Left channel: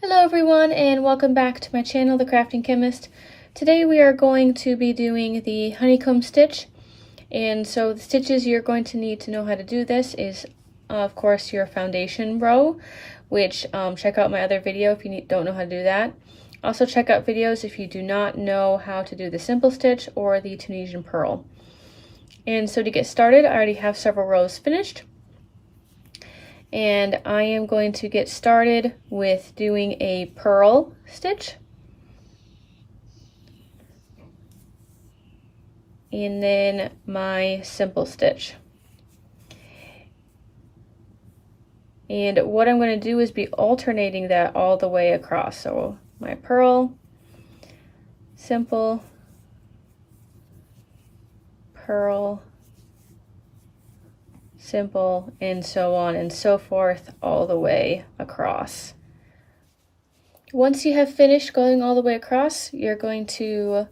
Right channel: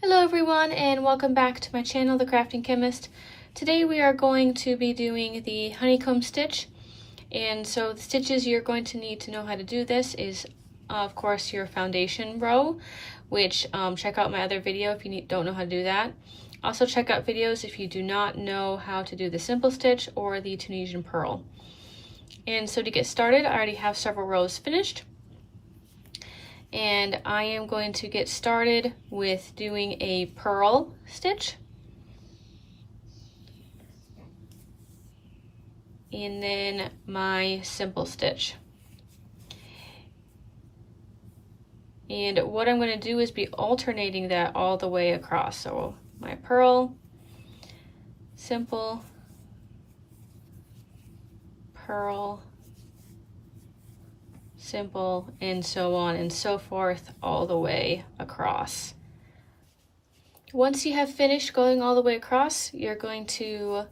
Hello everyone and welcome back to my channel, The Crafting Chemist. Today we are going to be doing the honeycomb stitch, and so the stitches you're going to need to know how to do this is of course your foundation row, which check out my other video if you don't know how to do that. Also check out videos if you do not know how to do the simple stitch or the Tunisian purl. And so to get started, I already have several rows finished. And I am going to get started with doing a purl stitch, and then my simple stitch. And what I'm going to do is be alternating that all the way across. So my purl, simple, purl, simple, and so on and so forth all the way across. Once you have finished going all the way across, you're going to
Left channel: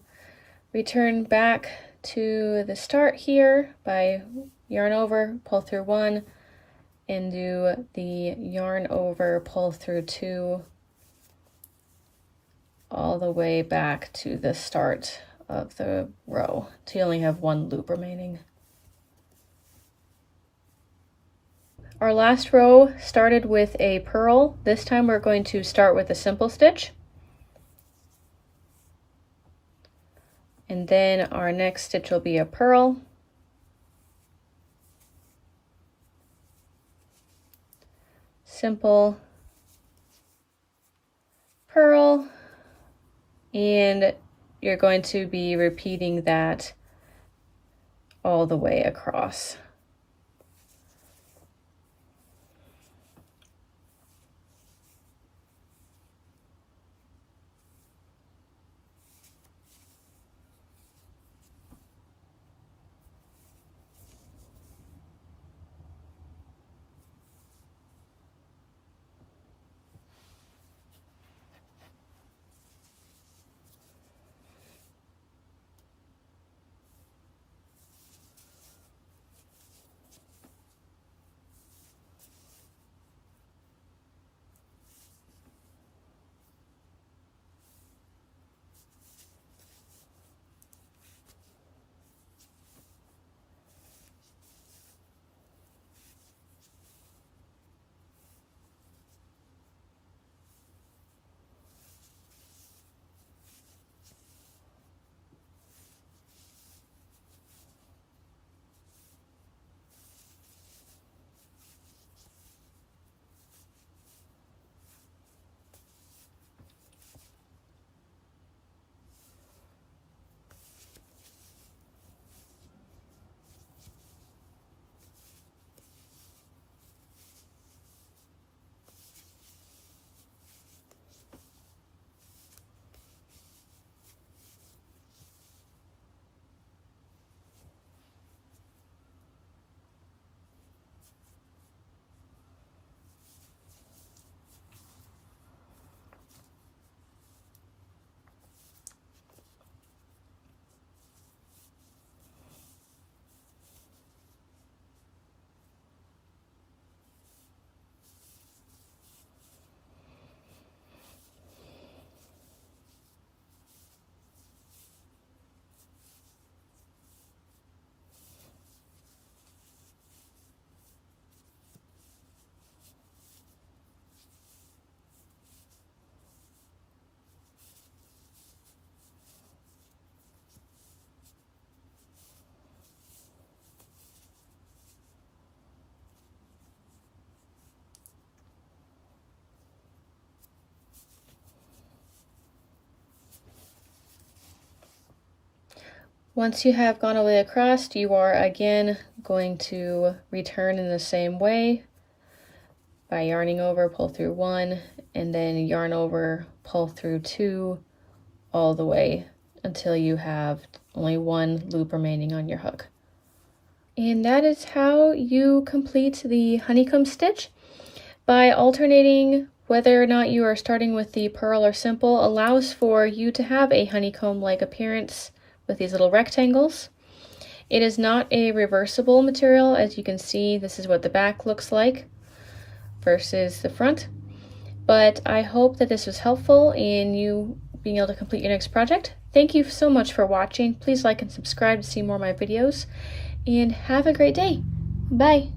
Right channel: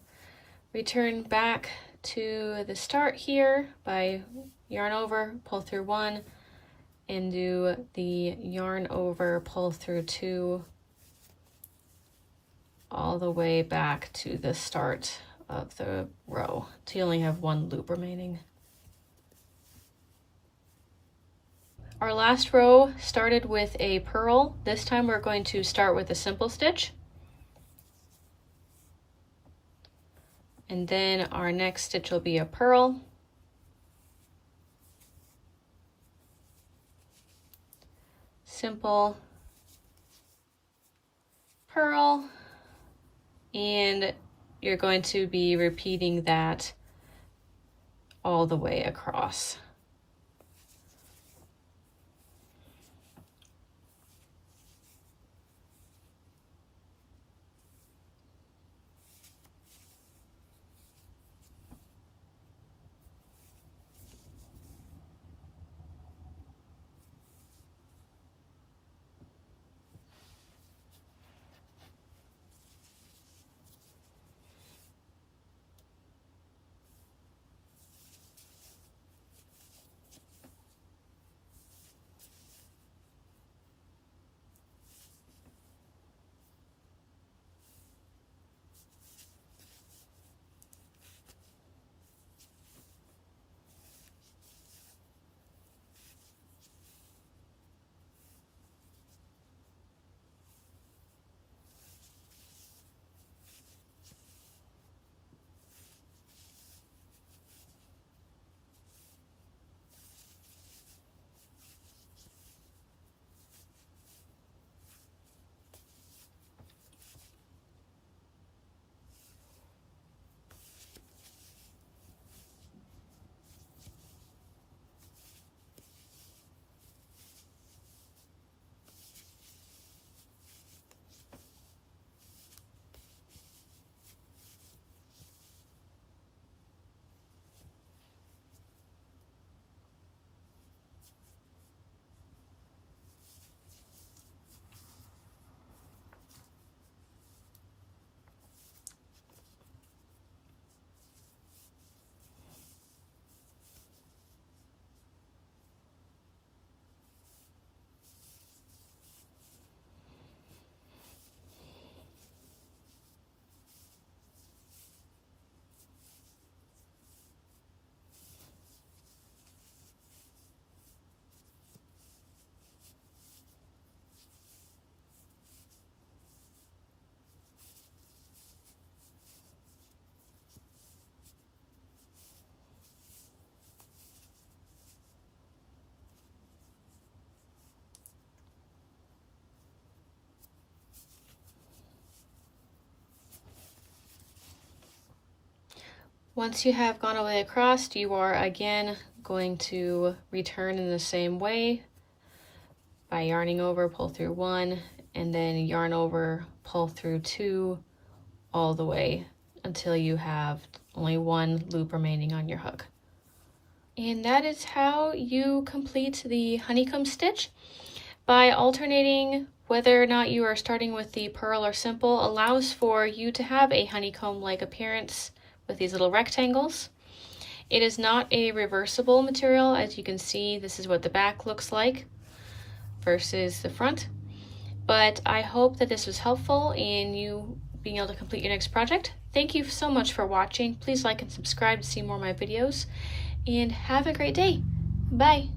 return back to the start here by yarn over, pull through 1, and do the yarn over, pull through 2 all the way back to the start of the row till you only have 1 loop remaining. Our last row started with a purl. This time we're going to start with a simple stitch. And then our next stitch will be a purl. Simple, purl, and you're going to be repeating that all the way across. Once you have gone all the way across, you are again going to return in the same way by yarning over, pull through 1, and then yarn over, pull through 2 all the way until you have only 1 loop remaining on your hook. And that is how you complete the honeycomb stitch. By alternating whether or not you are starting with the purl or simple allows for you to have a honeycomb-like appearance with these little rectangles. It is not a reversible material. As you can see, this is what the back looks like versus the front. But I hope that this was helpful in you being able to complete your next project. Thank you so much for watching. Please like and subscribe to see more of my videos, and have a great day. Bye.